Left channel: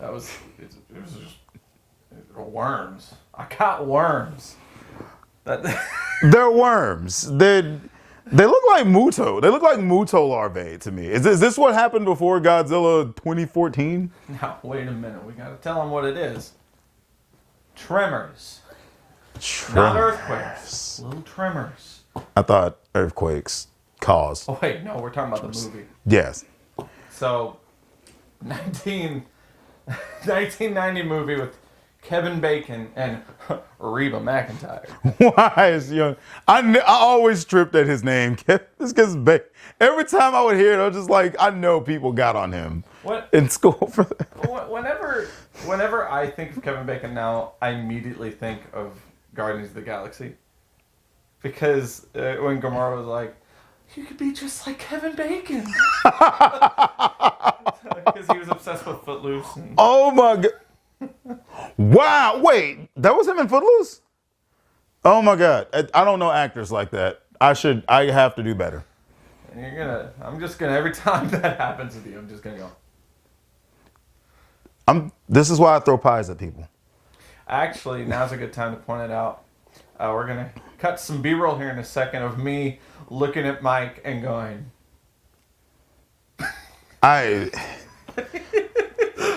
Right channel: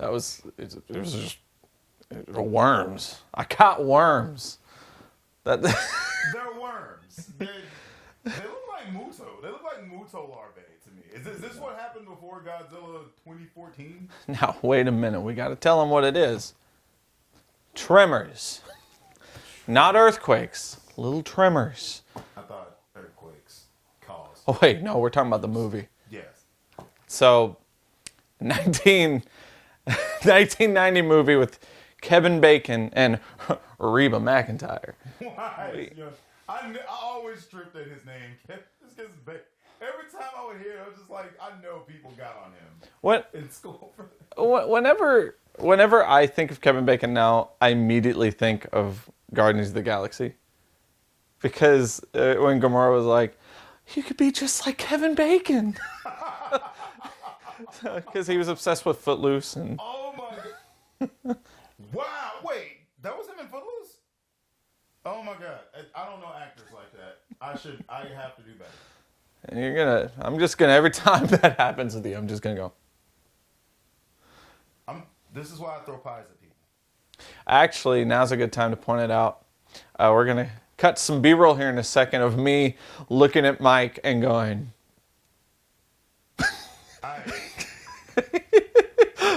it was just worms. I caught worms. They're worms. They look like Muto. They look like Muto larvae to me. Is this what happened before Godzilla 2014? Now, wait a minute. We got to tell them what it is. Tremors. Not earthquakes. Little tremors. I thought earthquakes cause. Oh, wait. No, we're talking about the movie. Yes. So, 1990 movie with Kevin Bacon and Reba McEntire. Why is I always tripped at his name. This gets every time I would hear it, I was just like, I know people got on him in school for that. Whenever I think of Kevin Bacon now, I immediately think of Guardians of the Galaxy. Because when Gamora was like, you could be just like Kevin Bacon. Because he was obsessed with Footloose. Oh my God. Wow, wait, that was him in Footloose? Oh my God, I don't know actors like that. I have to do better. And I'm just gonna, every time that happens with you, I'm just gonna go. This is why I throw pies at people. Actually, now's a good time to point it out. We're gonna cut some B-roll here in a second of me looking at Mike and going.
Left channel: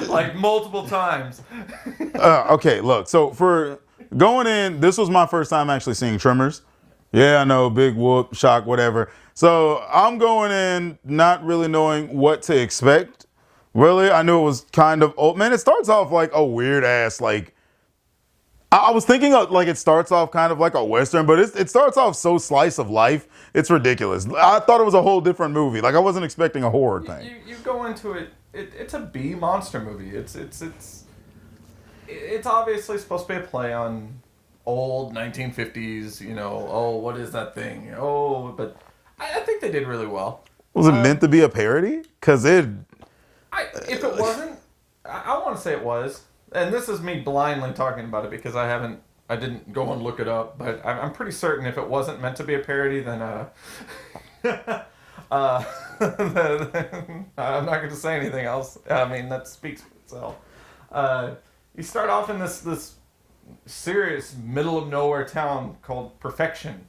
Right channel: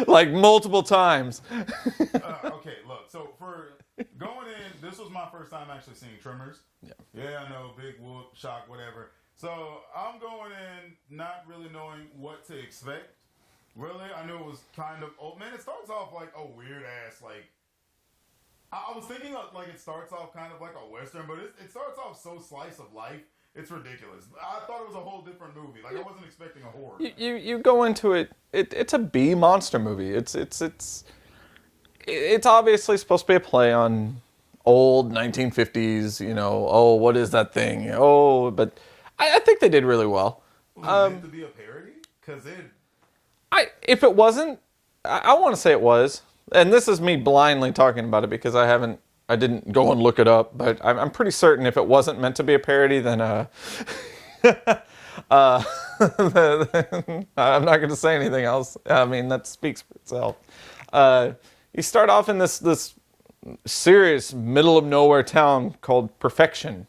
Like multiple times. Okay, look. So for going in, this was my first time actually seeing Tremors. Yeah, I know, big whoop, shock, whatever. So I'm going in not really knowing what to expect. Really, I knew it was kind of old. Man, it starts off like a weird ass, like, I was thinking of, like, it starts off kind of like a Western, but it starts off so slice of life. It's ridiculous. I thought it was a whole different movie. Like, I wasn't expecting a horror thing. You go into it, it's a B monster movie. It's obviously supposed to be a play on old 1950s, oh, what is that thing? Oh, but I think they did really well. Was it meant to be a parody? Because if it wasn't, I want to say it was. And this is me blindly talking about it because I didn't go and look it up, but I'm pretty certain if it wasn't meant to be a parody, then I'm not going to say anything else. I mean, that speaks for itself. You start off in this serious middle of nowhere town called Perfection,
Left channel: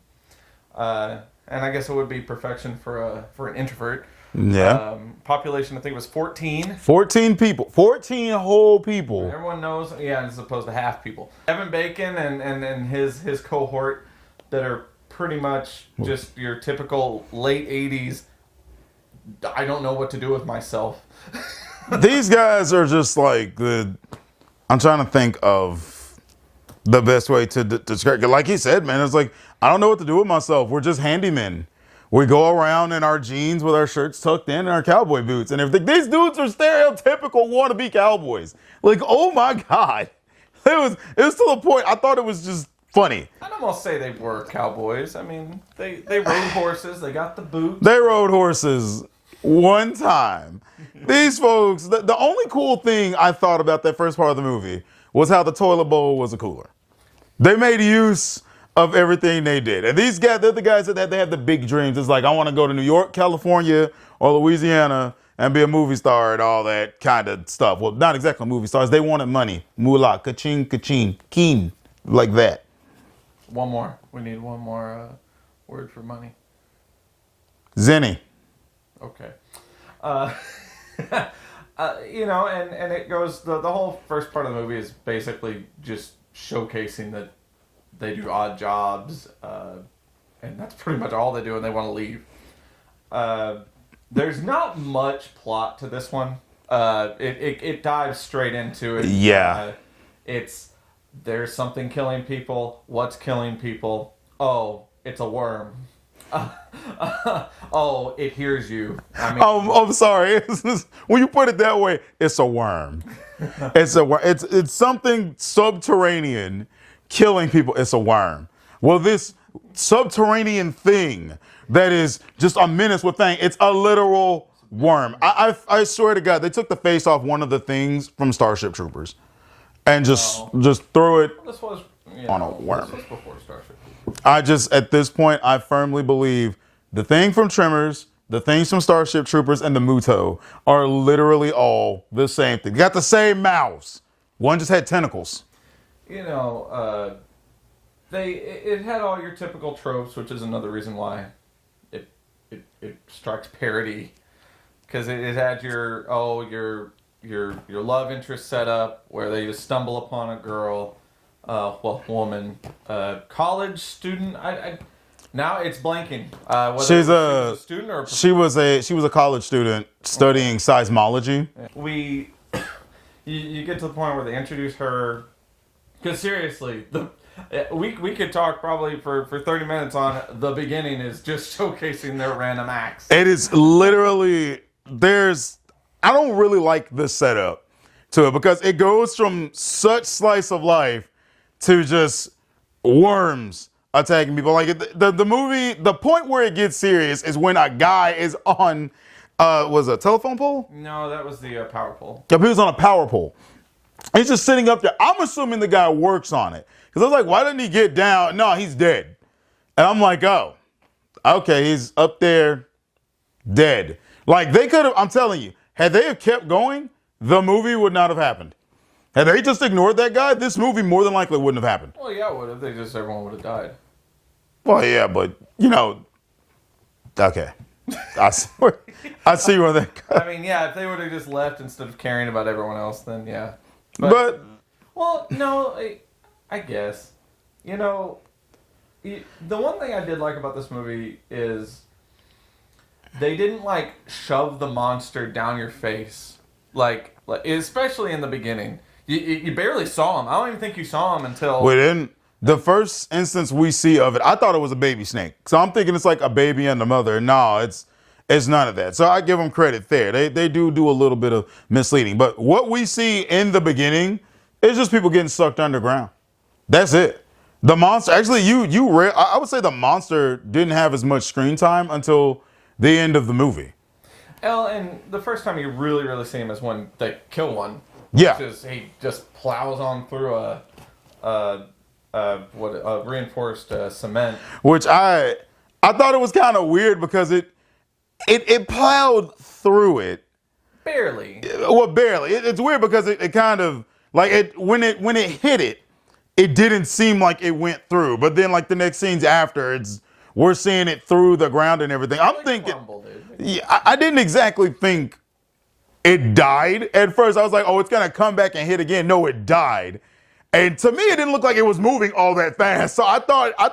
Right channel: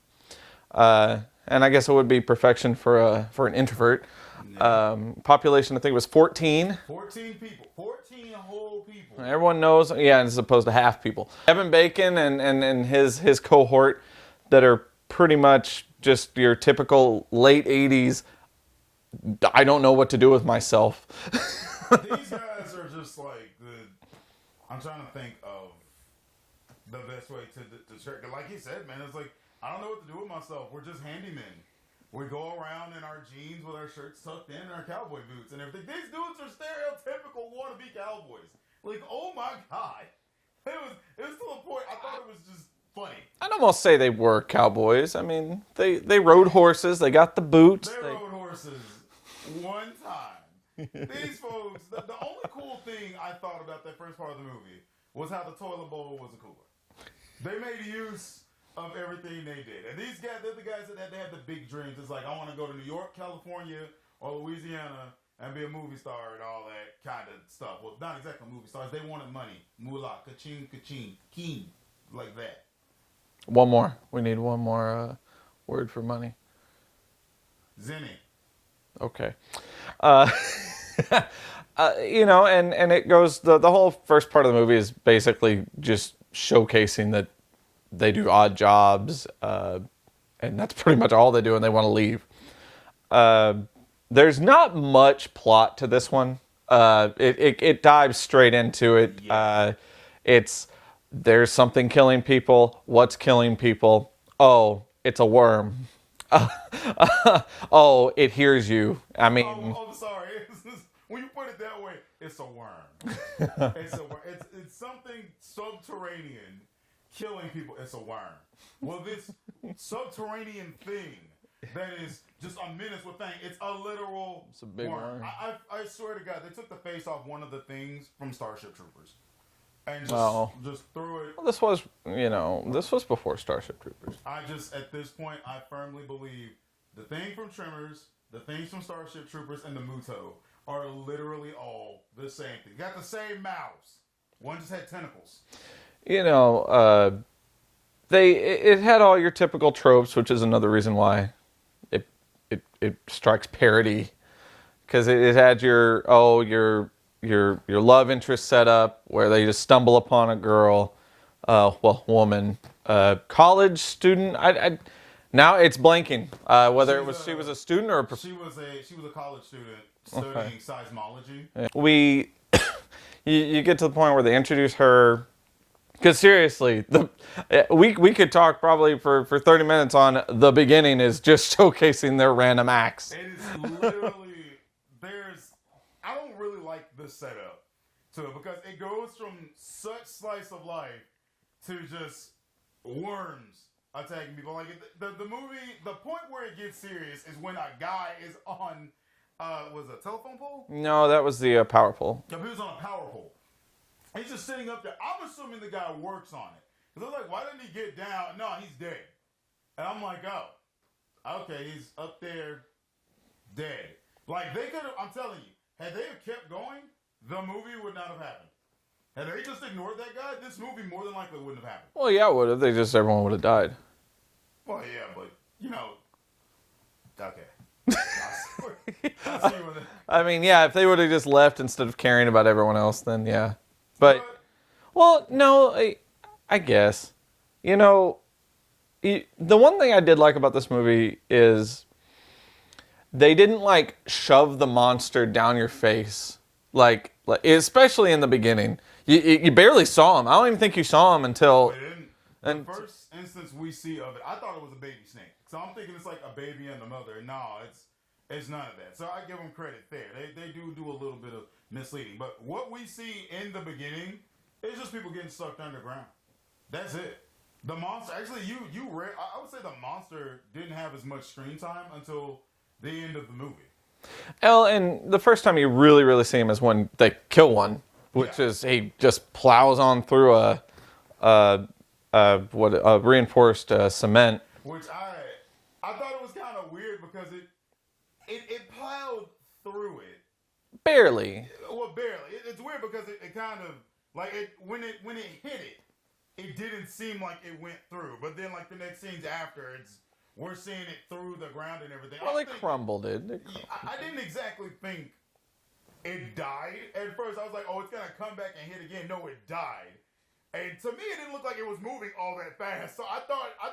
and I guess it would be perfection for an introvert. Yeah. Population, I think it was 14. 14 people. 14 whole people. Everyone knows, as opposed to half people. Kevin Bacon and his cohort that are pretty much just your typical late 80s, I don't know what to do with myself. These guys are just like I'm trying to think of the best way to describe it. Like he said, man, it's like, I don't know what to do with myself. We're just handymen. We go around in our jeans with our shirts tucked in and our cowboy boots. And these dudes are stereotypical wannabe cowboys. Like, oh my God. It was to the point, I thought it was just funny. I'd almost say they were cowboys. I mean, they rode horses. They got the boots. They rode horses one time. These folks, the only cool thing I thought about that first part of the movie was how the toilet bowl was a cooler. They made use of everything they did. And these guys, they're the guys that they have the big dreams. It's like, I want to go to New York, California, or Louisiana and be a movie star and all that kind of stuff. Well, not exactly movie stars. They wanted money. Moolah, ka-ching, ka-ching, keen, like that. One more. We need one more word for money. Zenny. Okay. And it goes, the whole first part of the movie is basically just showcasing that they do odd jobs, and that's pretty much all they do, and they want to leave. There's not much plot to this one. It dives straight into it. Yeah. There's something killing people. What's killing people? Oh, it's a worm. Oh, it hears you. I mean, I'm sorry. When you put it that way, it's a worm. It's something subterranean killing people. It's a worm. Well, this subterranean thing that is just a menace with thing. It's a literal worm. I swear to God, they took the face off one of the things from Starship Troopers, and just threw it. Well, this was this was before Starship Troopers. At this point, I firmly believe the thing from Tremors the things from Starship Troopers and the Muto are literally all the same thing. They got the same mouths. One just had tentacles. You know, it had all your typical tropes, which is another reason why it strikes parody, because it had your love interest set up where they just stumble upon a girl, woman, college student. Now it's blanking. Whether she was a student or she was a college student studying seismology. You get to the point where they introduce her, because seriously, we could talk probably for 30 minutes on the beginning is just showcasing their random acts. It is literally I don't really like the setup to it because it goes from such slice of life to just worms attacking people. Like the movie, the point where it gets serious is when a guy is on, was it a telephone pole? No, that was the power pole. Yeah, he was on a power pole. He's just sitting up there. I'm assuming the guy works on it. Because I was like, why didn't he get down? No, he's dead. And I'm like, oh, okay, he's up there dead. Like they could have, I'm telling you, had they have kept going, the movie would not have happened. Had they just ignored that guy, this movie more than likely wouldn't have happened. Well, yeah, it would have. Everyone would have died. Well, yeah, but, okay. I see where that goes. I mean, yeah, if they would have just left instead of caring about everyone else, then yeah. Well, no, I guess. The one thing I did like about this movie is they didn't, shove the monster down your face. Like especially in the beginning. You barely saw him. I don't even think you saw him until... We didn't. The first instance we see of it, I thought it was a baby snake. So I'm thinking it's like a baby and the mother. No, it's none of that. So I give them credit there. They do a little bit of misleading. But what we see in the beginning is just people getting sucked underground. That's it. The monster, actually, I would say the monster didn't have as much screen time until the end of the movie. Well, and the first time you really, really see him is when they kill one. Which is he just plows on through a reinforced cement. Which I thought it was kind of weird because it plowed through it. Barely. Well, barely. It's weird because it kind of when it hit it, it didn't seem like it went through. But then the next scenes after, we're seeing it through the ground and everything. I'm thinking, crumbled it. Yeah, I didn't exactly think it died at first. I was like, oh, it's gonna come back and hit again. No, it died. And to me, it didn't look like it was moving all that fast. So I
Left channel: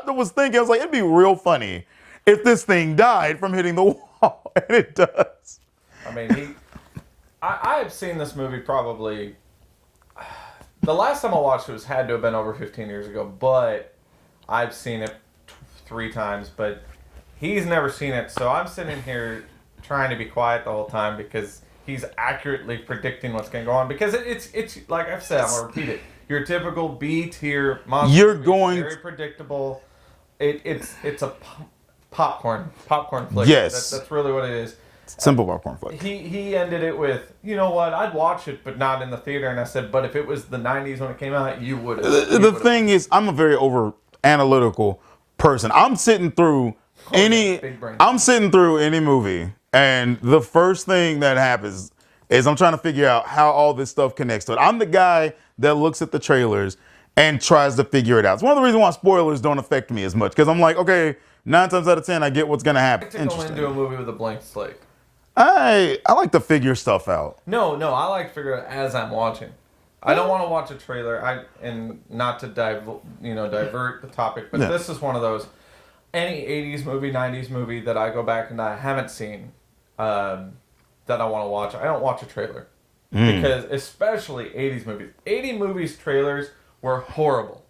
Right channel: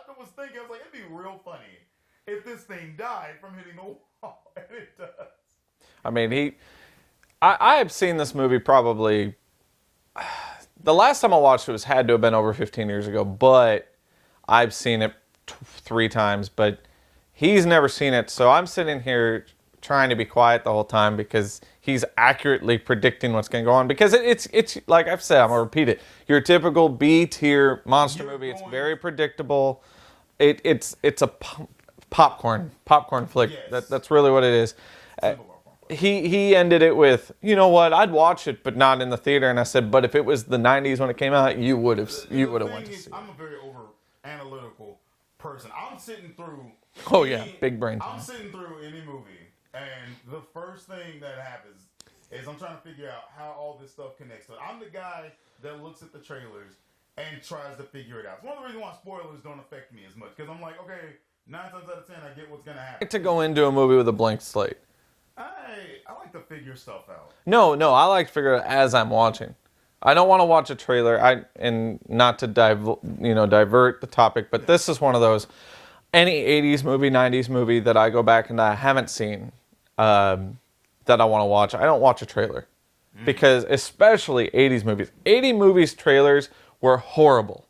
was thinking, it'd be real funny if this thing died from hitting the wall, and it does. I mean, I have seen this movie probably, the last time I watched it had to have been over 15 years ago, but I've seen it 3 times, but he's never seen it. So I'm sitting here trying to be quiet the whole time because he's accurately predicting what's going to go on. Because it's like I've said, I'm going to repeat it. Your typical B-tier monster movie. It's very predictable. It's a popcorn flick. Yes. That's really what it is. Simple popcorn flick. He ended it with, you know what, I'd watch it, but not in the theater. And I said, but if it was the 90s when it came out, you would have. The thing is, I'm a very over-analytical person. I'm sitting through big brain. I'm sitting through any movie, and the first thing that happens is I'm trying to figure out how all this stuff connects to it. I'm the guy that looks at the trailers and tries to figure it out. It's one of the reasons why spoilers don't affect me as much, because I'm like, okay, 9 times out of 10, I get what's going to happen. I like to go into a movie with a blank slate. I like to figure stuff out. No, I like to figure it out as I'm watching. I don't want to watch a trailer, and not to divert the topic, but This is one of those, any 80s movie, 90s movie that I go back and I haven't seen that I want to watch, I don't watch a trailer. Because especially 80s movies. 80 movies trailers were horrible.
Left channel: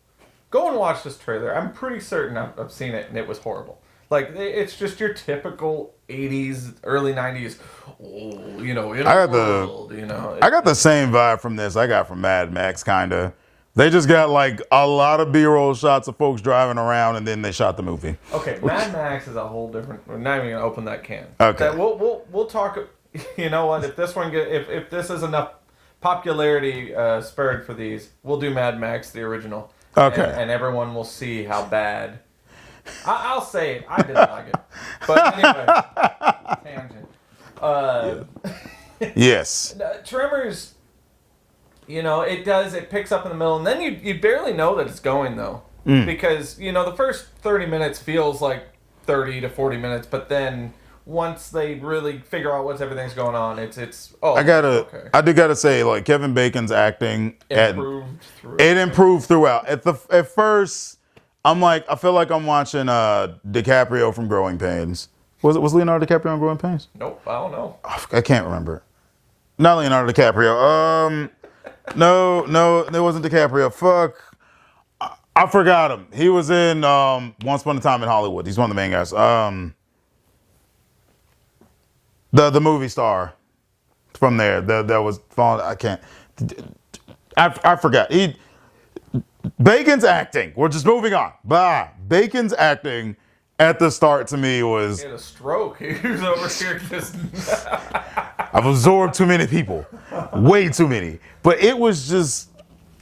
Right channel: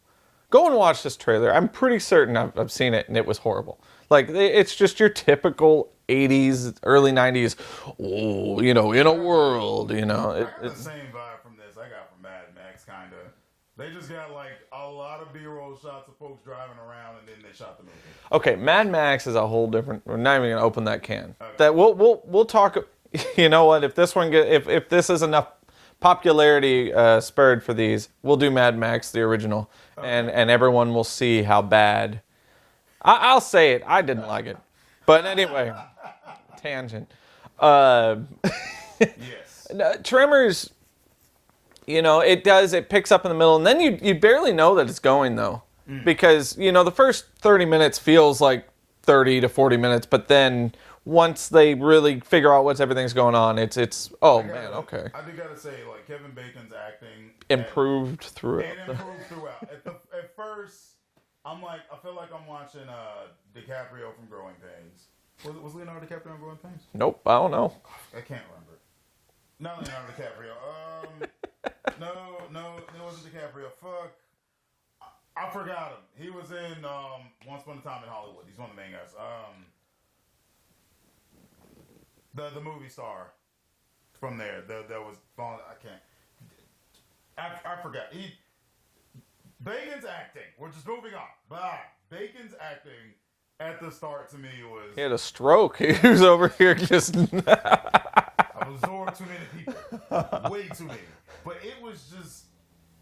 Go and watch this trailer. I'm pretty certain I've seen it and it was horrible. It's just your typical 80s, early 90s, in a world, I got the same vibe from this I got from Mad Max, kind of. They just got a lot of B-roll shots of folks driving around, and then they shot the movie. Okay, Mad Max is a whole different. We're not even gonna open that can. Okay, we'll talk. You know what? If this one if this is enough popularity spurred for these, we'll do Mad Max the original. Okay, and everyone will see how bad I'll say it. I didn't like it. But anyway, tangent. Yes. Tremors, it picks up in the middle, and then you barely know that it's going, though. Because, the first 30 minutes feels like 30 to 40 minutes, but then once they really figure out everything's going on, I do gotta say, like, Kevin Bacon's acting improved throughout. It improved throughout. At first, I'm like, I feel like I'm watching DiCaprio from Growing Pains. Was Leonardo DiCaprio on Growing Pains? Nope, I don't know. I can't remember. Not Leonardo DiCaprio. No, it wasn't DiCaprio. Fuck. I forgot him. He was in Once Upon a Time in Hollywood. He's one of the main guys. The movie star from there that was falling. I can't. I forgot. Bacon's acting. We're just moving on. Bacon's acting at the start to me was. He had a stroke. He was over here just. I've absorbed too many people, way too many. But it was just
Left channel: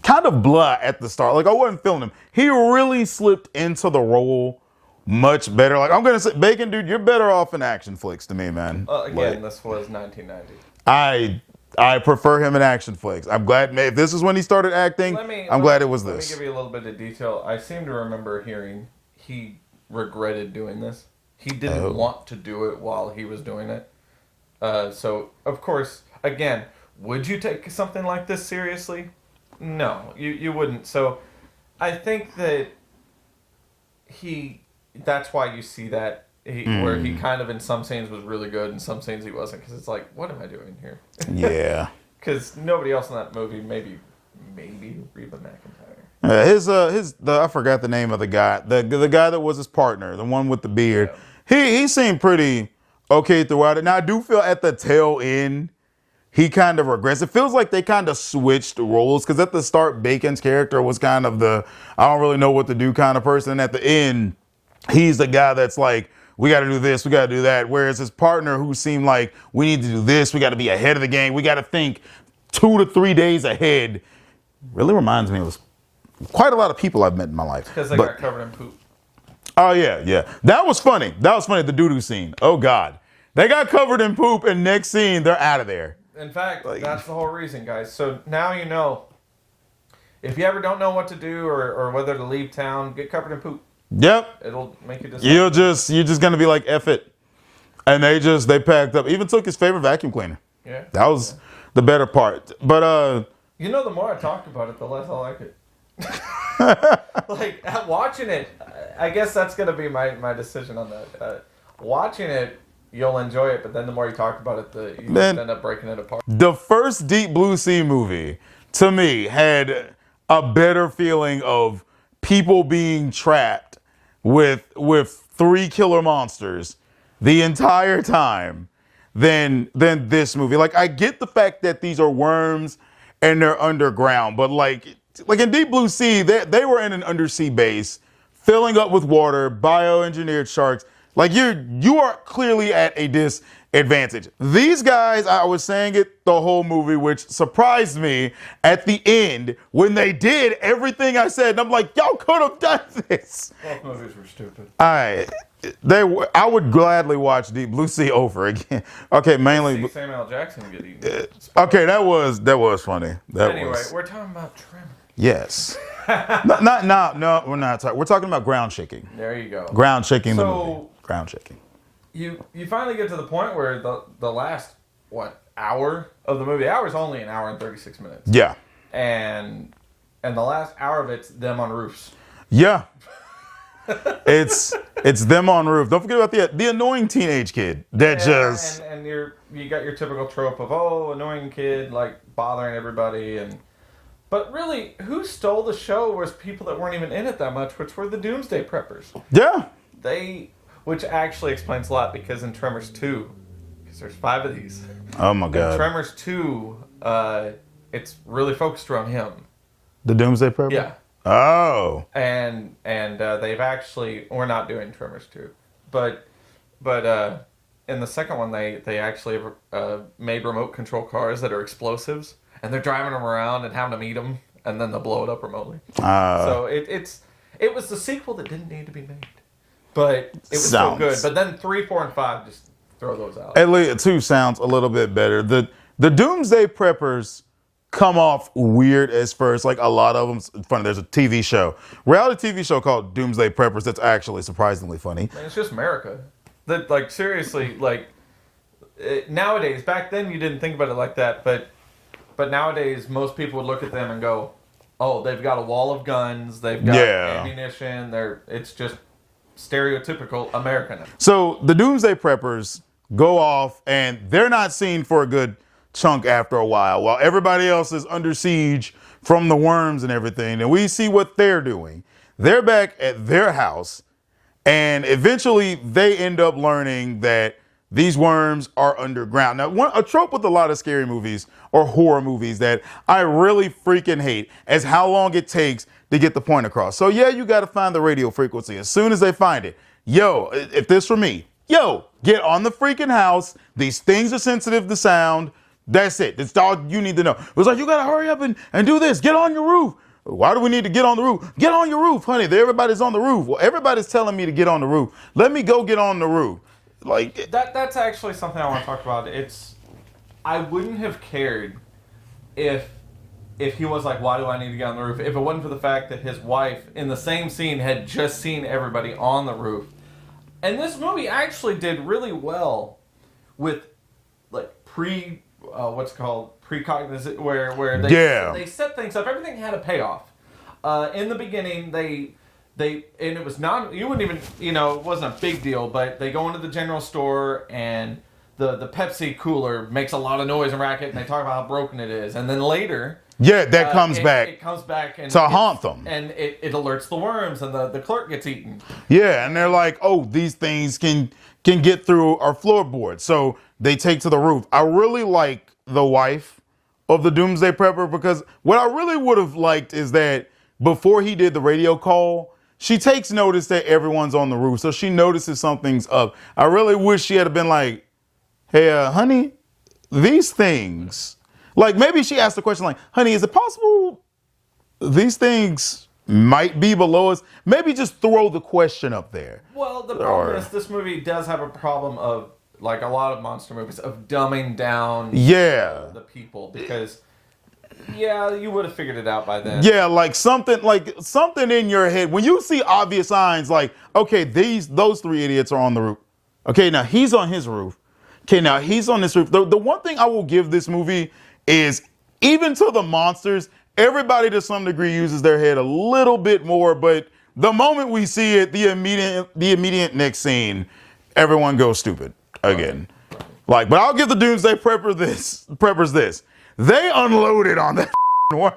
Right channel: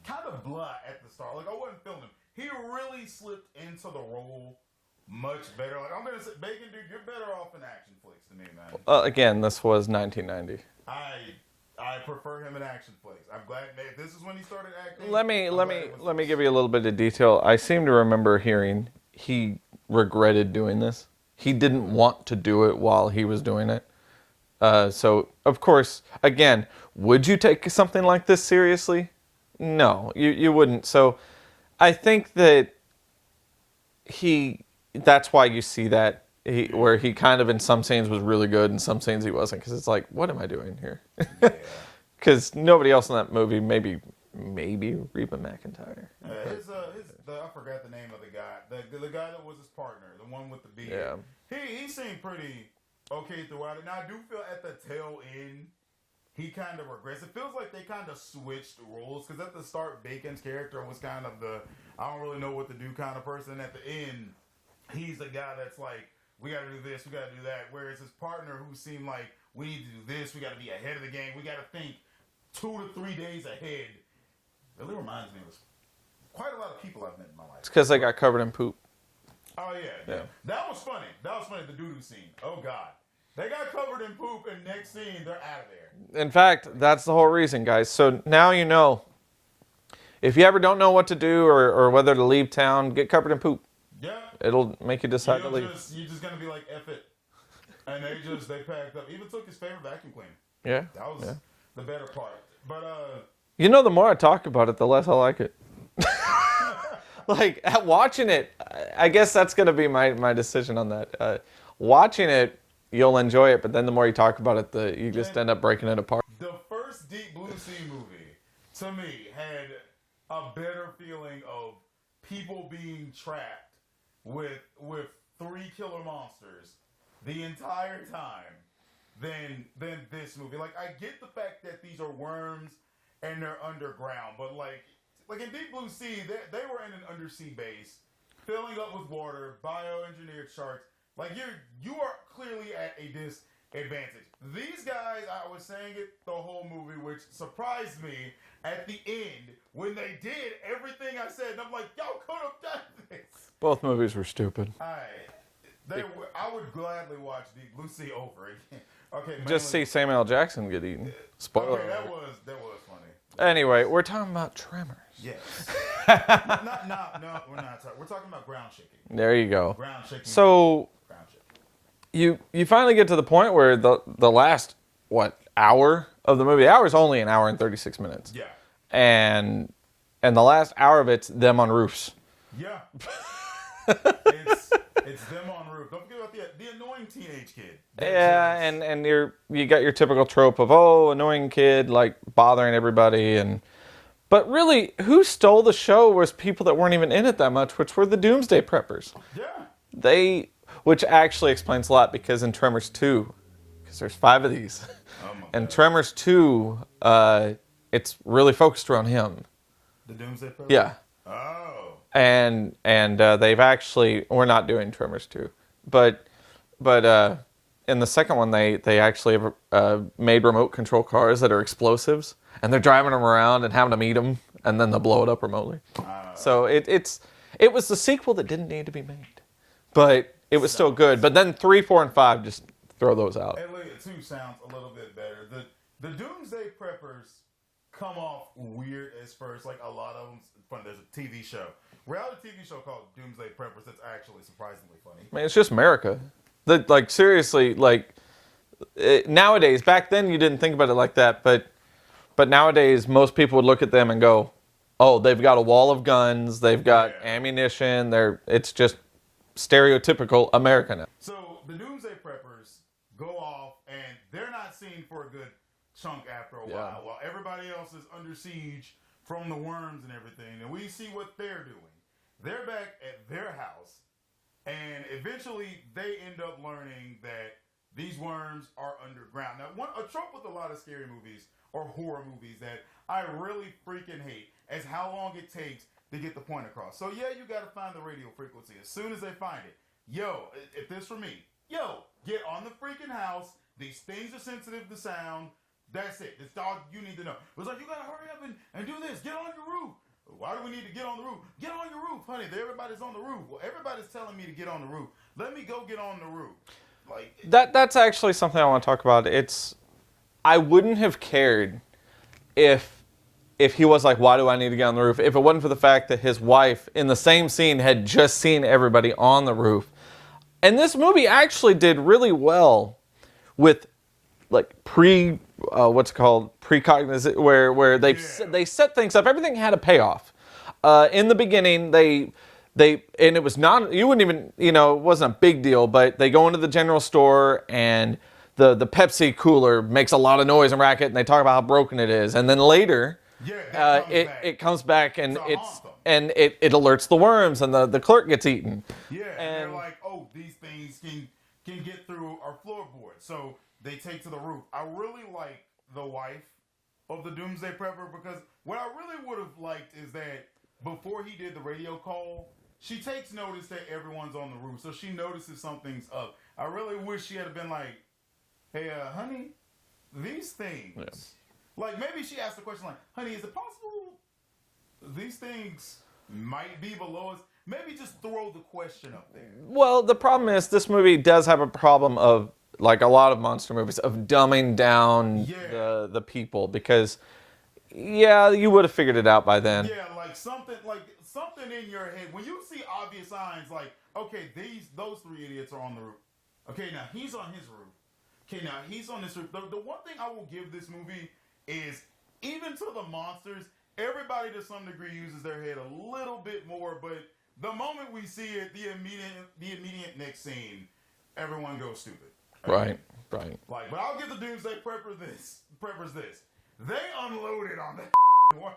kind of blah at the start. Like, I wasn't feeling him. He really slipped into the role much better. Like, I'm gonna say, Bacon, dude, you're better off in action flicks to me, man. Again, this was 1990. I prefer him in action flicks. I'm glad if this is when he started acting. I'm glad it was this. Let me give you a little bit of detail. I seem to remember hearing he regretted doing this. He didn't want to do it while he was doing it. So, of course, again, would you take something like this seriously? No, you wouldn't. So, I think that that's why you see that where he kind of in some scenes was really good and some scenes he wasn't, because it's like, what am I doing here? Yeah. Because nobody else in that movie, maybe Reba McEntire. I forgot the name of the guy. The guy that was his partner, the one with the beard. Yeah. He seemed pretty okay throughout it. Now I do feel at the tail end he kind of regrets. It feels like they kind of switched roles, because at the start Bacon's character was kind of the I don't really know what to do kind of person. And at the end, he's the guy that's like, we got to do this, we got to do that. Whereas his partner, who seemed like, we need to do this, we got to be ahead of the game, we got to think 2 to 3 days ahead, really reminds me of quite a lot of people I've met in my life. Because they got covered in poop. Oh, yeah. That was funny. The doo-doo scene. Oh, God. They got covered in poop, and next scene, they're out of there. In fact, that's the whole reason, guys. So now you know. If you ever don't know what to do or whether to leave town, get covered in poop. Yep. It'll make you decide. You're just gonna be like, F it. And they packed up. Even took his favorite vacuum cleaner. Yeah. That was the better part. But the more I talk about it, the less I like it. Like watching it, I guess that's gonna be my decision on that. Watching it, you'll enjoy it, but then the more you talk about it, you just end up breaking it apart. The first Deep Blue Sea movie, to me, had a better feeling of people being trapped with 3 killer monsters the entire time than this movie. Like, I get the fact that these are worms and they're underground, but like in Deep Blue Sea, they were in an undersea base, filling up with water, bioengineered sharks. Like, you are clearly at a disadvantage. These guys, I was saying it the whole movie, which surprised me at the end when they did everything I said. And I'm like, y'all could have done this. Both movies were stupid. I would gladly watch Deep Blue Sea over again. Okay, mainly. See Samuel L. Jackson get eaten. Okay, that was funny. We're talking about Tremors. Yes. No, we're not talking. We're talking about ground shaking. There you go. Ground shaking. So ground shaking. You finally get to the point where the last hour of the movie. The hour is only an hour and 36 minutes. Yeah. And the last hour of it's them on roofs. Yeah. it's them on roof. Don't forget about the annoying teenage kid and you got your typical trope of annoying kid like bothering everybody but really who stole the show was people that weren't even in it that much, which were the Doomsday Preppers. Yeah. Which actually explains a lot, because in Tremors 2, because there's 5 of these. Oh my God. In Tremors 2, it's really focused around him. The Doomsday Prepper? Yeah. Oh. And they've actually, we're not doing Tremors 2, but in the second one they actually have made remote control cars that are explosives, and they're driving them around and having them eat them, and then they'll blow it up remotely. So it was the sequel that didn't need to be made. but it was still good. Sounds- But then 3, 4, and 5, just throw those out. At least 2 sounds a little bit better. The Doomsday Preppers come off weird as first. Like a lot of them, it's funny. There's a TV show, reality TV show called Doomsday Preppers that's actually surprisingly funny. Man, it's just America. Like seriously, like nowadays. Back then, you didn't think about it like that, but nowadays, most people would look at them and go, "Oh, they've got a wall of guns. They've got ammunition. It's just stereotypical American." So the Doomsday Preppers go off, and they're not seen for a good chunk after a while everybody else is under siege from the worms and everything. And we see what they're doing. They're back at their house, and eventually they end up learning that these worms are underground. Now, a trope with a lot of scary movies or horror movies that I really freaking hate is how long it takes to get the point across. So yeah, you got to find the radio frequency. As soon as they find it, yo, if this were me, yo, get on the freaking house. These things are sensitive to sound. That's it. That's all you need to know. It was like, you got to hurry up and do this. Get on your roof. Why do we need to get on the roof? Get on your roof, honey. Everybody's on the roof. Well, everybody's telling me to get on the roof. Let me go get on the roof. Like that's actually something I want to talk about. I wouldn't have cared if he was like, why do I need to get on the roof? If it wasn't for the fact that his wife in the same scene had just seen everybody on the roof. And this movie actually did really well with like precognition, where they set things up. Everything had a payoff. In the beginning, they and it was not, you wouldn't even, it wasn't a big deal, but they go into the general store and the Pepsi cooler makes a lot of noise and racket, and they talk about how broken it is. And then later, that comes back. It comes back and to haunt them. And it alerts the worms, and the clerk gets eaten. Yeah, and they're like, oh, these things can get through our floorboards. So they take to the roof. I really like the wife of the Doomsday Prepper, because what I really would have liked is that before he did the radio call, she takes notice that everyone's on the roof. So she notices something's up. I really wish she had been like, hey, honey, these things, like maybe she asked the question like, honey, is it possible these things might be below us? Maybe just throw the question up there. Well, the problem is this movie does have a problem of, like a lot of monster movies, of dumbing down the people, because you would have figured it out by then. Yeah, like something in your head when you see obvious signs like, okay, those 3 idiots are on the roof. Okay, now he's on his roof. Okay, now he's on this roof. The one thing I will give this movie is, even to the monsters, everybody to some degree uses their head a little bit more, but the moment we see it, the immediate next scene, everyone goes stupid again. Right. But I'll give the Doomsday Preppers this. They unloaded on that worm.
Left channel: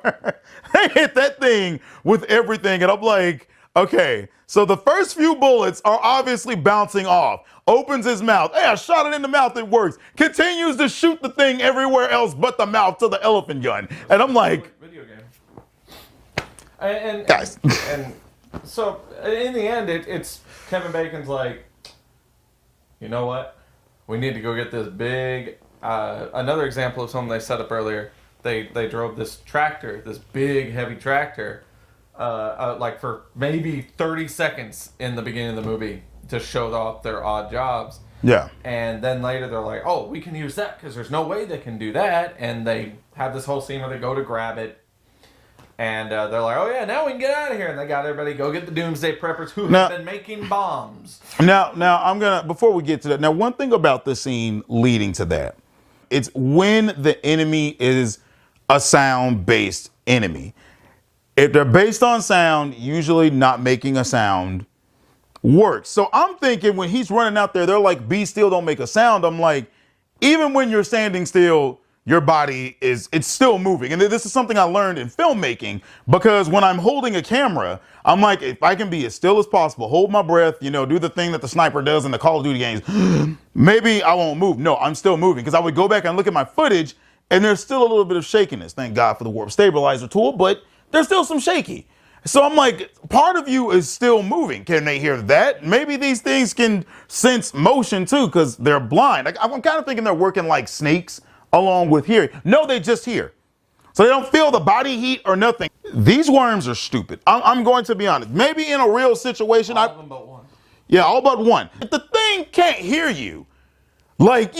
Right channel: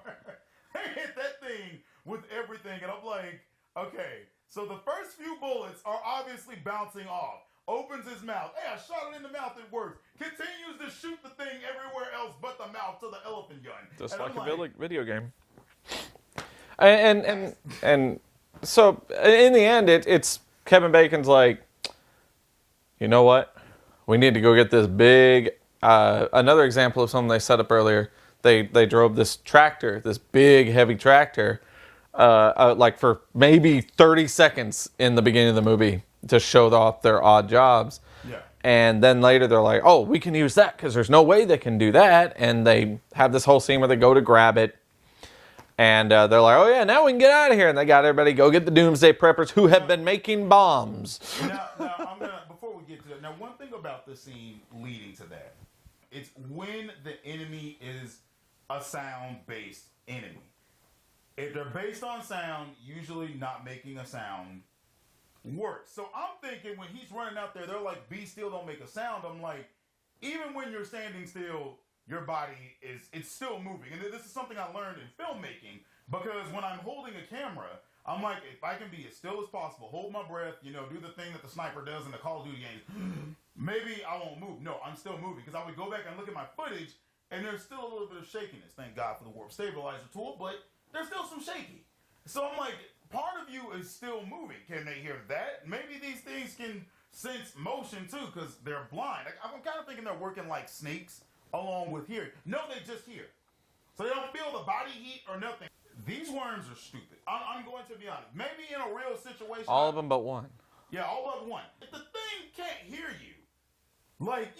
They hit that thing with everything, and I'm like, okay, so the first few bullets are obviously bouncing off. Opens his mouth. Hey, I shot it in the mouth, it works. Continues to shoot the thing everywhere else but the mouth to the elephant gun. And I'm like, video game. And so in the end, it's Kevin Bacon's like, you know what? We need to go get this big. Another example of something they set up earlier. They drove this tractor, this big heavy tractor, like for maybe 30 seconds in the beginning of the movie to show off their odd jobs. Yeah. And then later they're like, oh, we can use that because there's no way they can do that. And they have this whole scene where they go to grab it. And they're like, oh, yeah, now we can get out of here. And they got everybody go get the Doomsday Preppers who have been making bombs. Now I'm going to, before we get to that, now one thing about the scene leading to that, it's when the enemy is a sound-based enemy. If they're based on sound, usually not making a sound works. So I'm thinking when he's running out there, they're like, be still, don't make a sound. I'm like, even when you're standing still, your body it's still moving. And this is something I learned in filmmaking, because when I'm holding a camera, I'm like, if I can be as still as possible, hold my breath, do the thing that the sniper does in the Call of Duty games, maybe I won't move. No, I'm still moving, because I would go back and look at my footage and there's still a little bit of shakiness. Thank God for the warp stabilizer tool, but there's still some shaky. So I'm like, part of you is still moving. Can they hear that? Maybe these things can sense motion too, because they're blind. Like, I'm kind of thinking they're working like snakes along with hearing. No, they just hear. So they don't feel the body heat or nothing. These worms are stupid. I'm going to be honest. Maybe in a real situation. All of them but one. Yeah, all but one. If the thing can't hear you, like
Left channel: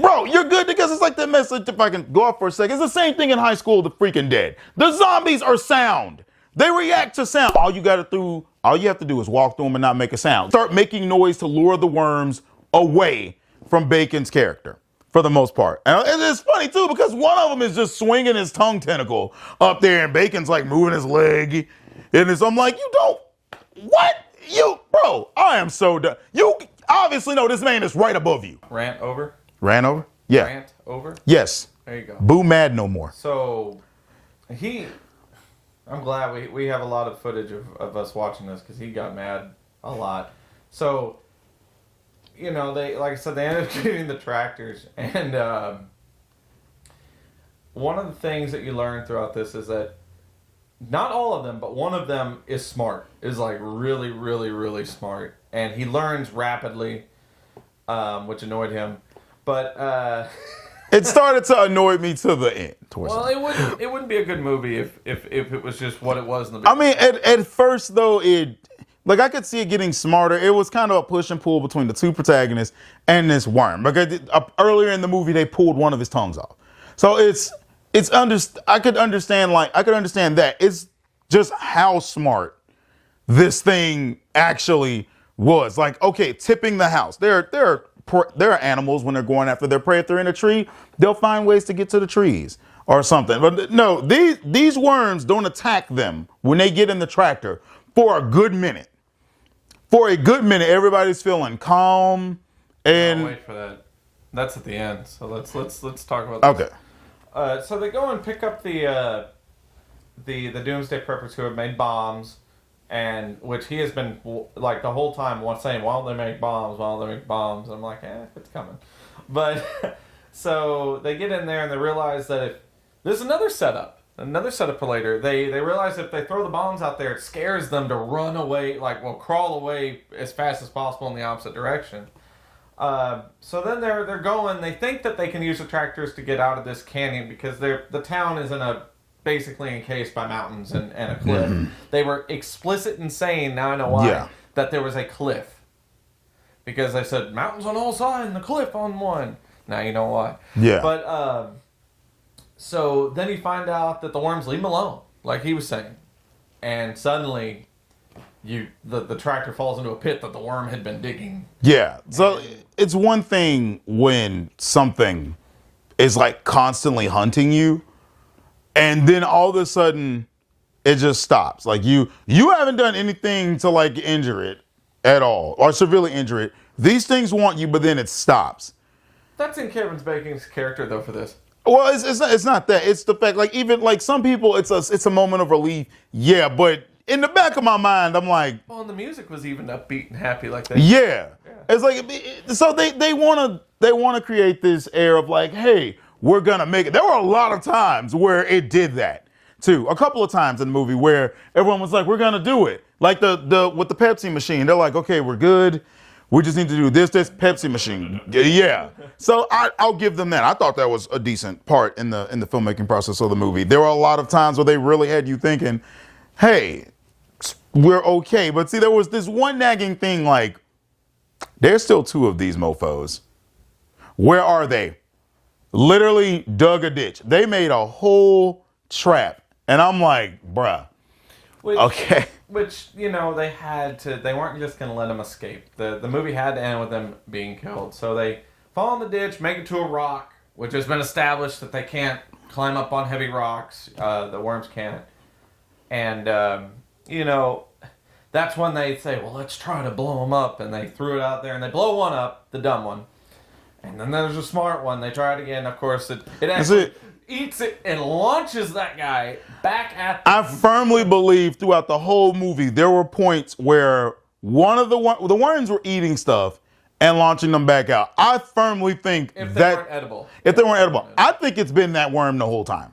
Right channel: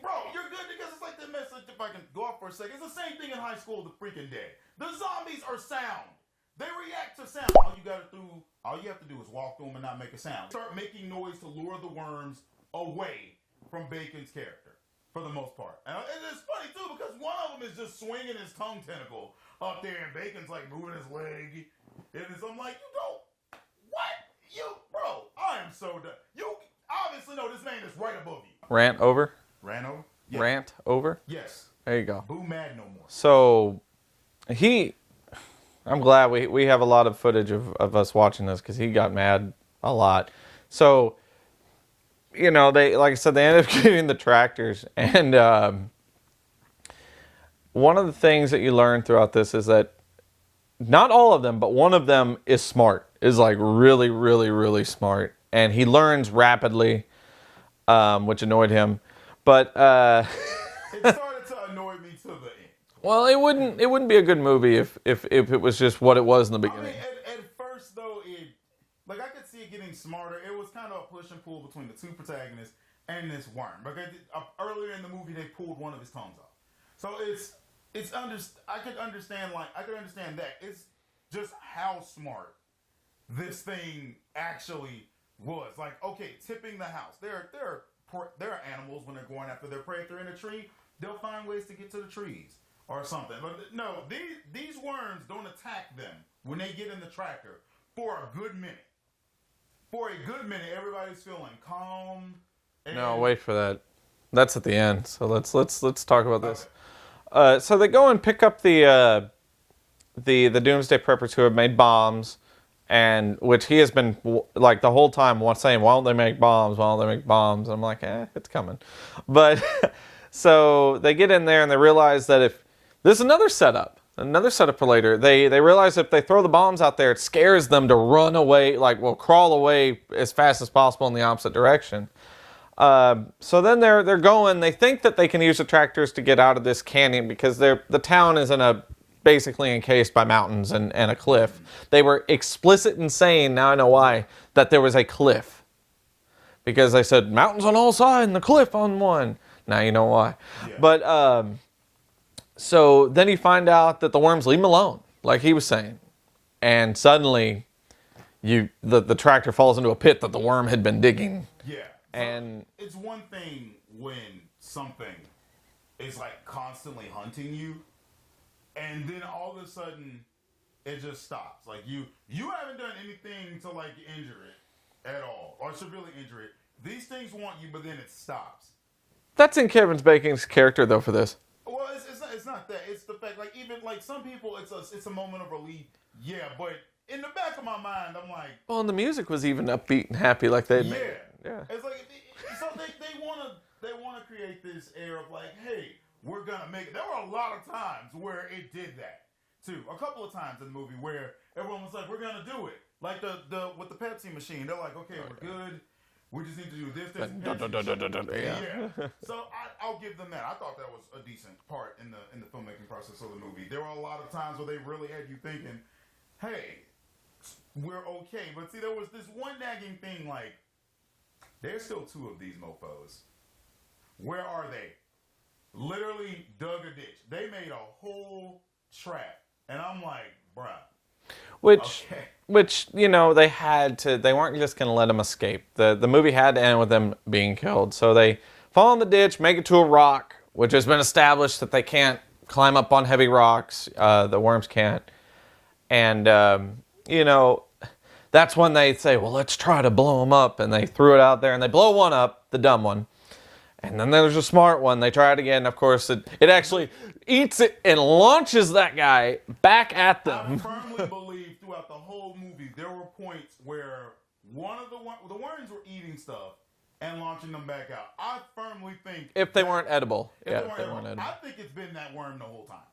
bro, you're good because it's like that message. If I can go off for a second, it's the same thing in High School of the Freaking Dead. The zombies are sound. They react to sound. All you have to do is walk through them and not make a sound. Start making noise to lure the worms away from Bacon's character, for the most part. And it's funny too because one of them is just swinging his tongue tentacle up there, and Bacon's like moving his leg, and I'm like, bro, I am so done. You obviously know this man is right above you. Rant over? Ran over? Yeah. Rant over? Yes. There you go. Boo mad no more. So, I'm glad we have a lot of footage of us watching this because he got mad a lot. So, they, like I said, they ended up getting the tractors. And one of the things that you learn throughout this is that not all of them, but one of them is smart, is like really, really, really smart. And he learns rapidly, which annoyed him. But it started to annoy me to the end. Well, it wouldn't be a good movie if it was just what it was in the beginning. I mean, at first though, I could see it getting smarter. It was kind of a push and pull between the two protagonists and this worm. Like earlier in the movie, they pulled one of his tongues off. So I could understand that. It's just how smart this thing actually was. Like, okay, tipping the house. There are animals when they're going after their prey. If they're in a tree, they'll find ways to get to the trees or something. But no, these worms don't attack them when they get in the tractor for a good minute. For a good minute, everybody's feeling calm. And wait for that. That's at the end. So let's talk about this. Okay. So they go and pick up the Doomsday Preppers who have made bombs, and which he has been like the whole time saying, "Why don't they make bombs? Why don't they make bombs?" I'm like, it's coming. But so they get in there and they realize that if there's another setup for later, they realize if they throw the bombs out there, it scares them to run away, crawl away as fast as possible in the opposite direction. So then they're going. They think that they can use the tractors to get out of this canyon because the town is basically encased by mountains and a cliff. Mm-hmm. They were explicit in saying, now I know why, that there was a cliff. Because they said mountains on all sides and the cliff on one. Now you know why. Yeah. But so then you find out that the worms leave him alone, like he was saying, and suddenly the tractor falls into a pit that the worm had been digging. Yeah. So it's one thing when something is like constantly hunting you, and then all of a sudden it just stops. Like you haven't done anything to like injure it at all or severely injure it. These things want you, but then it stops. That's in Kevin Bacon's character though for this. Well, it's not that. It's the fact, like, even like some people, it's a moment of relief. Yeah, but in the back of my mind, I'm like, well, and the music was even upbeat and happy, like they. Yeah. It's like, so they wanna create this air of like, hey, we're gonna make it. There were a lot of times where it did that too. A couple of times in the movie where everyone was like, we're gonna do it. Like the with the Pepsi machine, they're like, okay, we're good. We just need to do this Pepsi machine. Yeah. So I'll give them that. I thought that was a decent part in the filmmaking process of the movie. There were a lot of times where they really had you thinking, hey, we're okay. But see, there was this one nagging thing like, there's still two of these mofos. Where are they? Literally dug a ditch. They made a whole trap. And I'm like, bruh. Okay. Which, they weren't just going to let them escape. The movie had to end with them being killed. So they fall in the ditch, make it to a rock, which has been established that they can't climb up on heavy rocks. The worms can't. And, that's when they say, well, let's try to blow them up. And they threw it out there and they blow one up, the dumb one. And then there's a smart one. They try it again. Of course, it actually eats it and launches that guy back at them. I firmly believe throughout the whole movie, there were points where one of the worms were eating stuff and launching them back out. I firmly think if they weren't edible. If they weren't edible. I think it's been that worm the whole time.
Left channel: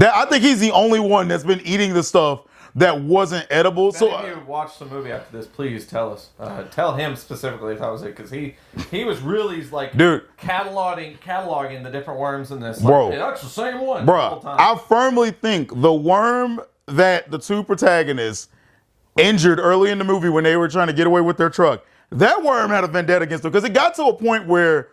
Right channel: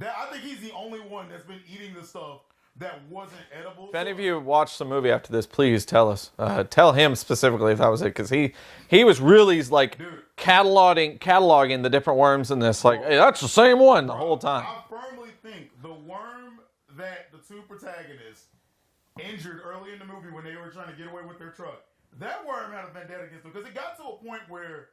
I think he's the only one that's been eating the stuff that wasn't edible. If any of you watched the movie after this, please tell us. Tell him specifically if that was it, because he was really like cataloging the different worms in this. Like, hey, that's the same one the whole time. I firmly think the worm that the two protagonists injured early in the movie when they were trying to get away with their truck. That worm had a vendetta against him because it got to a point where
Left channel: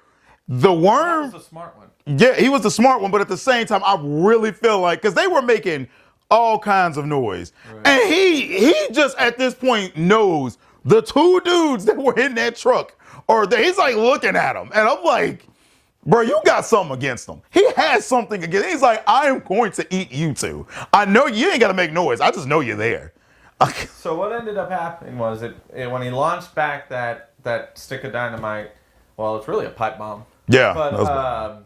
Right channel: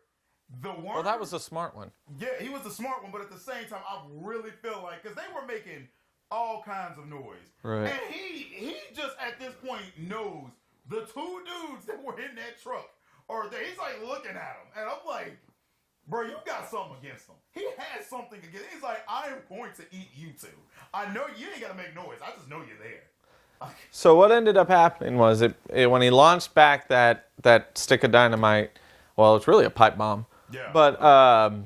the worm. Well, that was a smart one. Yeah, he was the smart one, but at the same time, I really feel like because they were making all kinds of noise, Right. and he just at this point knows the two dudes that were in that truck, or he's like looking at them, and I'm like, bro, you got something against him. He has something against. He's like, I am going to eat you two. I know you ain't got to make noise. I just know you're there. So what ended up happening was when he launched back that stick of dynamite. Well, it's really a pipe bomb. Yeah, But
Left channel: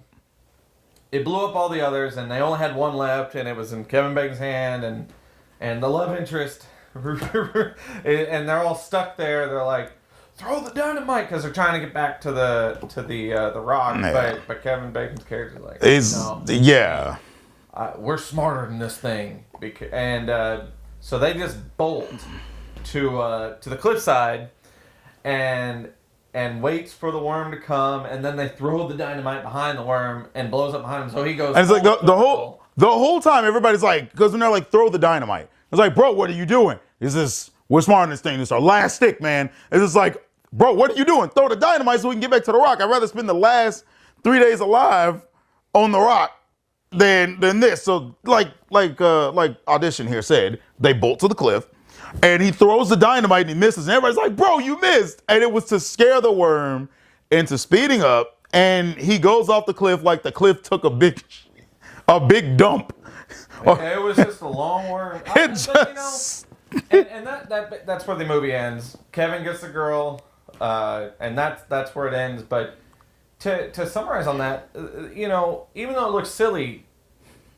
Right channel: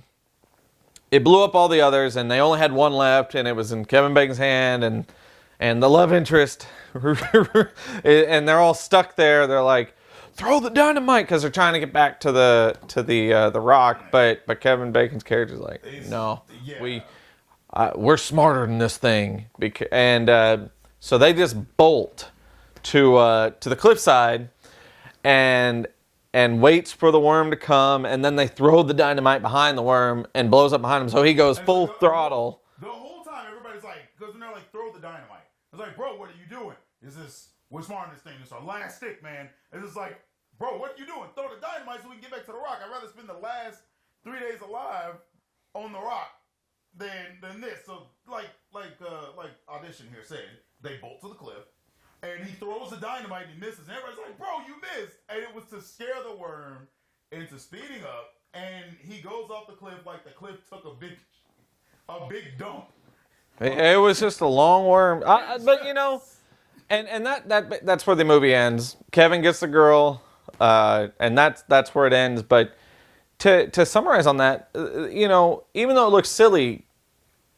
it blew up all the others, and they only had one left, and it was in Kevin Bacon's hand, and the love interest, and they're all stuck there. They're like, throw the dynamite, because they're trying to get back to the rock. Yeah. But Kevin Bacon's character's like, no, yeah. we're smarter than this thing, so they just bolt to the cliffside, and waits for the worm to come, and then they throw the dynamite behind the worm and blows up behind him. So he goes And full it's like throttle. the whole time everybody's like, because when they're like, throw the dynamite, it's like, bro, what are you doing? We're smarter than this thing. This is our last stick, man. It's just like, bro, what are you doing? Throw the dynamite so we can get back to the rock. I'd rather spend the last 3 days alive on the rock than this. So like Audition here said, they bolt to the cliff. And he throws the dynamite and he misses. And everybody's like, bro, you missed. And it was to scare the worm into speeding up. And he goes off the cliff like the cliff took a big dump. It was just a long worm. But you know, and that's where the movie ends. Kevin gets the girl, and that's where it ends. But to summarize on that, you know, even though it looks silly,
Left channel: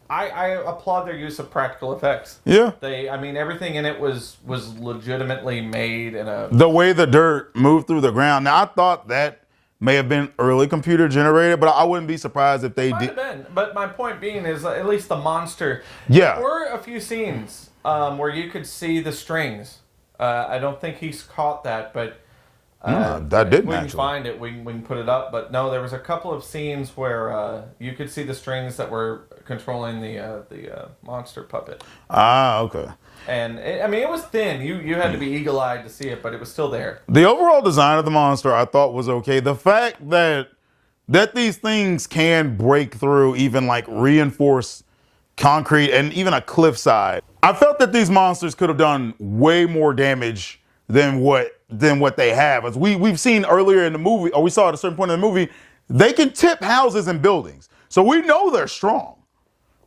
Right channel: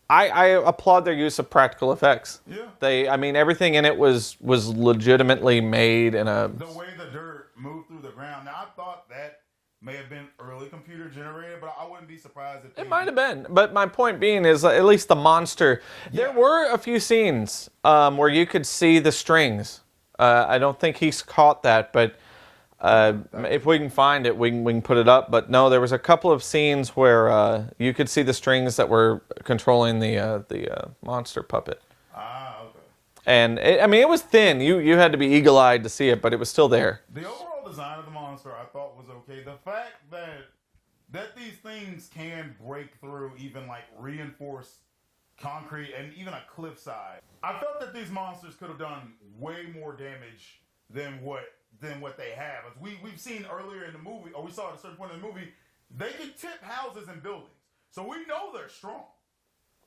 I applaud their use of practical effects. Yeah. Everything in it was legitimately made in a... The way the dirt moved through the ground. Now, I thought that may have been early computer generated, but I wouldn't be surprised if they Might have been. But my point being is at least the monster... Yeah. There were a few scenes where you could see the strings. I don't think he's caught that, but... if we can find it, we can put it up. But no, there was a couple of scenes where you could see the strings that were controlling the monster puppet. Ah, okay. And it was thin. You had to be eagle-eyed to see it, but it was still there. The overall design of the monster I thought was okay. The fact that these things can break through even like reinforced concrete and even a cliffside. I felt that these monsters could have done way more damage than what they have. As we've seen earlier in the movie, or we saw at a certain point in the movie, they can tip houses and buildings. So we know they're strong.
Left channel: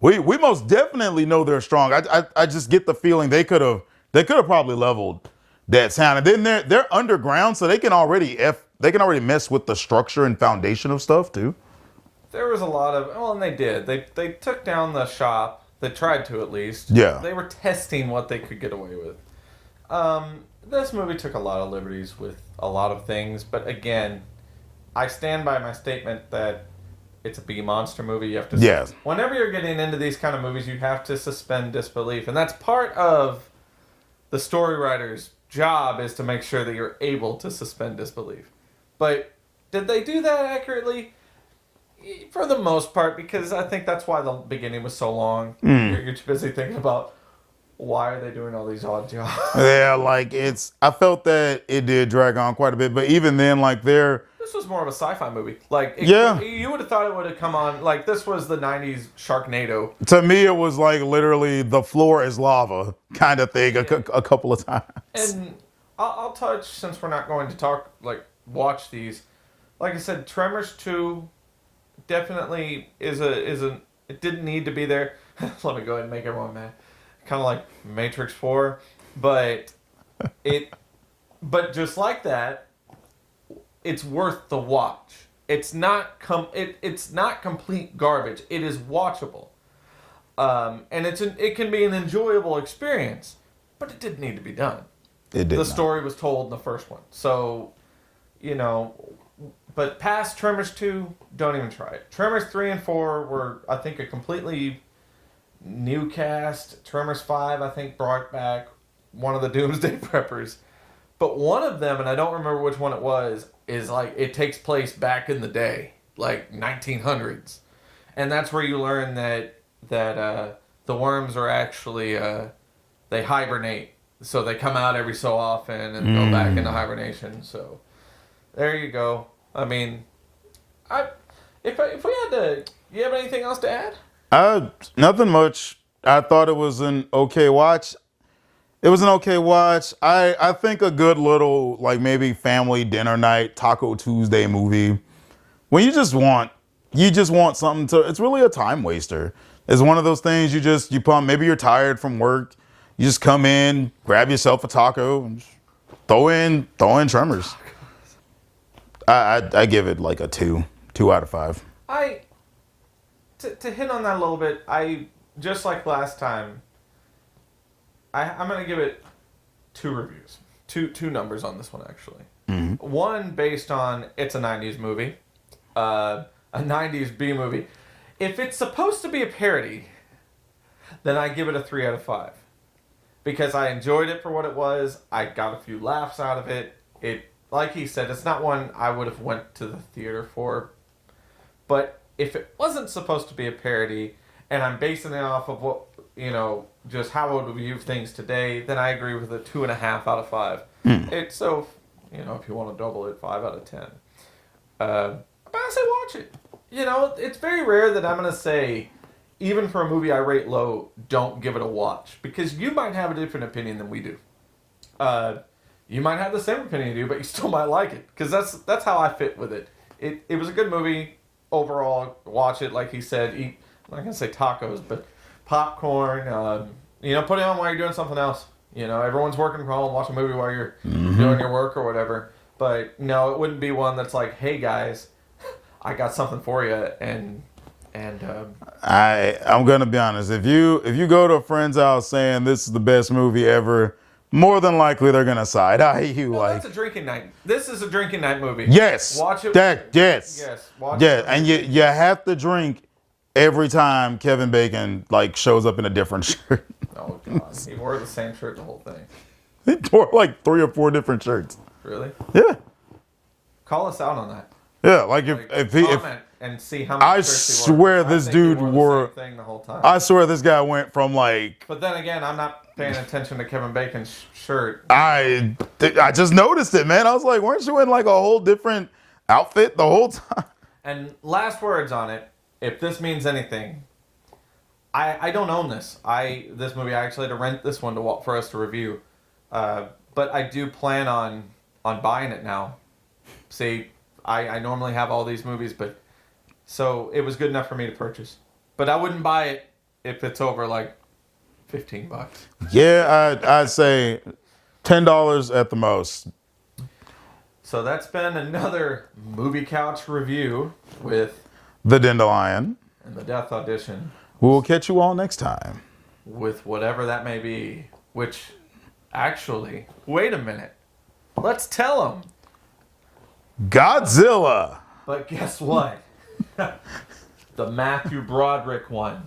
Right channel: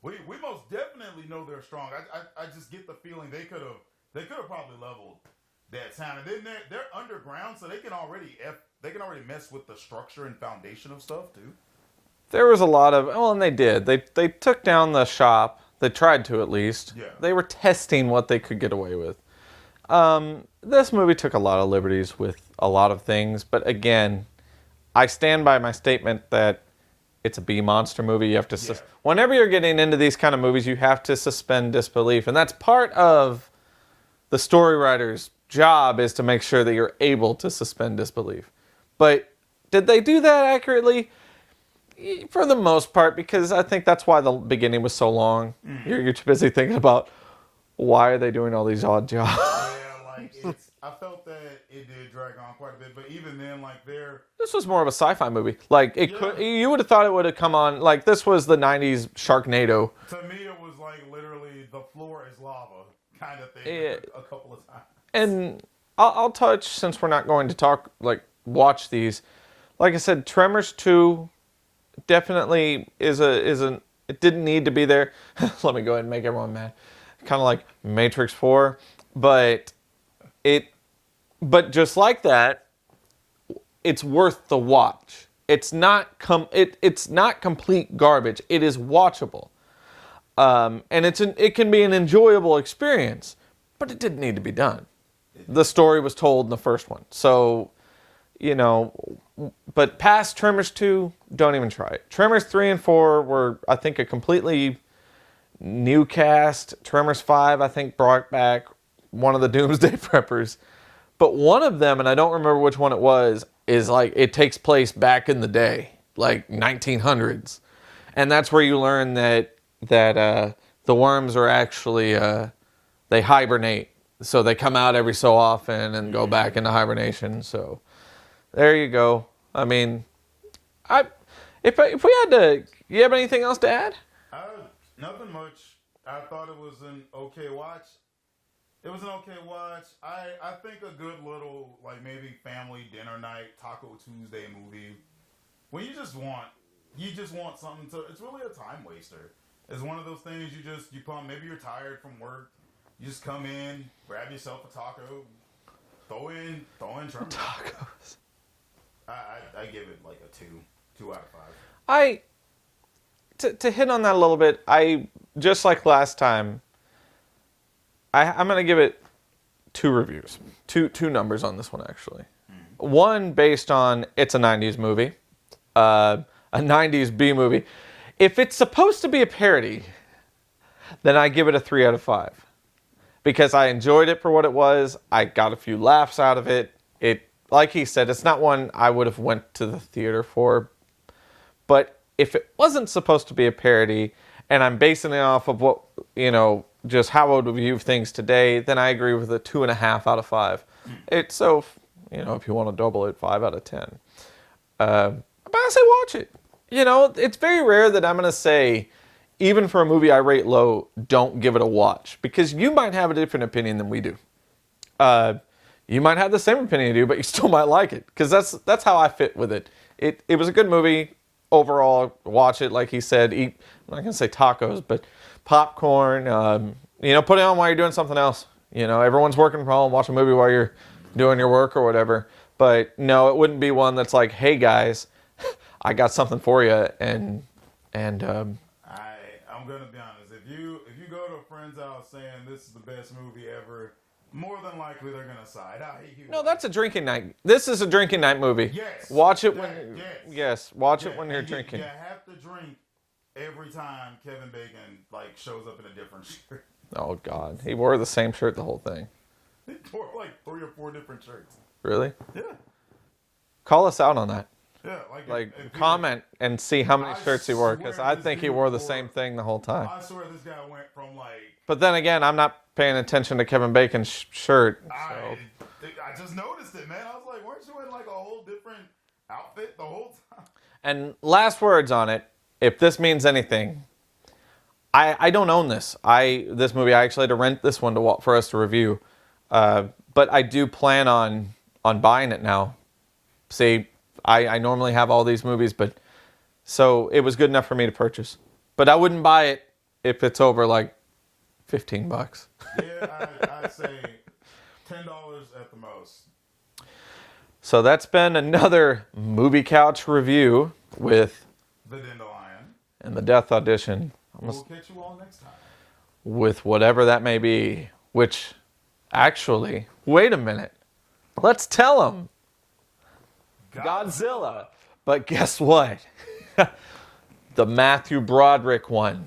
We most definitely know they're strong. I just get the feeling they could have probably leveled that town. And then they're underground, so they can already mess with the structure and foundation of stuff too. There was a lot of and they did. They took down the shop. They tried to, at least. Yeah. They were testing what they could get away with. This movie took a lot of liberties with a lot of things, but again, I stand by my statement that it's a B monster movie. You have to. Yes. Whenever you're getting into these kind of movies, you have to suspend disbelief, and that's part of the story writer's job, is to make sure that you're able to suspend disbelief. But did they do that accurately? For the most part, because I think that's why the beginning was so long. You're too busy thinking about, why are they doing all these odd jobs? Yeah, I felt that it did drag on quite a bit, but even then, This was more of a sci-fi movie. You would have thought it would have come on, this was the 90s Sharknado. To me, it was like literally the floor is lava kind of thing a couple of times. And I'll touch, since we're not going to watch these. Like I said, Tremors 2 definitely it didn't need to be there. Let me go ahead and make everyone mad. Kind of like Matrix 4, but just like that, it's worth the watch. It's not it's not complete garbage. It is watchable, and it can be an enjoyable experience, but it didn't need to be done. The story was told in the first one, so But past Tremors 2, don't even try it. Tremors 3 and 4 were, I think, a completely new cast. Tremors 5, I think, brought back one of the Doomsday Preppers. But one of them, and I don't remember which one it was, is it takes place back in the day, 1900s. And that's where you learn that the worms are actually, they hibernate. so they come out every so often and go back into hibernation. So there you go. I mean, if we had to, you have anything else to add? Nothing much. I thought it was an okay watch. It was an okay watch. I think a good little, like, maybe family dinner night, Taco Tuesday movie. When you just want something to, it's really a time waster. It's one of those things you pump, maybe you're tired from work. You just come in, grab yourself a taco, and throw in Tremors. I give it like a 2 out of 5. To hit on that a little bit, just like last time, I'm going to give it 2 reviews. Two numbers on this one, actually. Mm-hmm. One based on it's a 90s movie, a 90s B movie. If it's supposed to be a parody, then I give it a 3 out of 5. Because I enjoyed it for what it was. I got a few laughs out of it. It, like he said, it's not one I would have went to the theater for. But if it wasn't supposed to be a parody, and I'm basing it off of what, just how I would view things today, then I agree with a 2.5 out of 5. It's so, if you want to double it, 5 out of 10. But I say watch it. It's very rare that I'm going to say, even for a movie I rate low, don't give it a watch. Because you might have a different opinion than we do. You might have the same opinion you do, but you still might like it. Because that's how I fit with it. It was a good movie. Overall, watch it, like he said. Eat, I'm not going to say tacos, but popcorn. Put it on while you're doing something else. Everyone's working from home. Watch a movie while you're doing your work or whatever. But no, it wouldn't be one that's like, hey guys, I got something for you. I'm gonna be honest. If you go to a friend's house saying this is the best movie ever, more than likely they're gonna side eye you. No, that's a drinking night. This is a drinking night movie. Yes. Watch it. Yes. Watch it. Yeah, and you have to drink every time Kevin Bacon shows up in a different shirt. Oh God, he wore the same shirt the whole thing. He wore like 3 or 4 different shirts. Really? Yeah. Call us out on that. Yeah, if he comment and see how many shirts he wore. I swear this dude wore the same thing the whole time. I swear this guy went from But then again, I'm not paying attention to Kevin Bacon's shirt. I just noticed it, man. I was like, weren't you in a whole different outfit the whole time? And last words on it. If this means anything, I don't own this. This movie I actually had to rent this one for us to review, but I do plan on buying it now. See. I normally have all these movies, so it was good enough for me to purchase. But I wouldn't buy it if it's over $15. Yeah, I'd say $10 at the most. So that's been another Movie Couch review with The Dandelion and The Death Audition. We'll catch you all next time. With whatever that may be, which, actually, wait a minute. Let's tell them. Godzilla. But guess what? The Matthew Broderick one.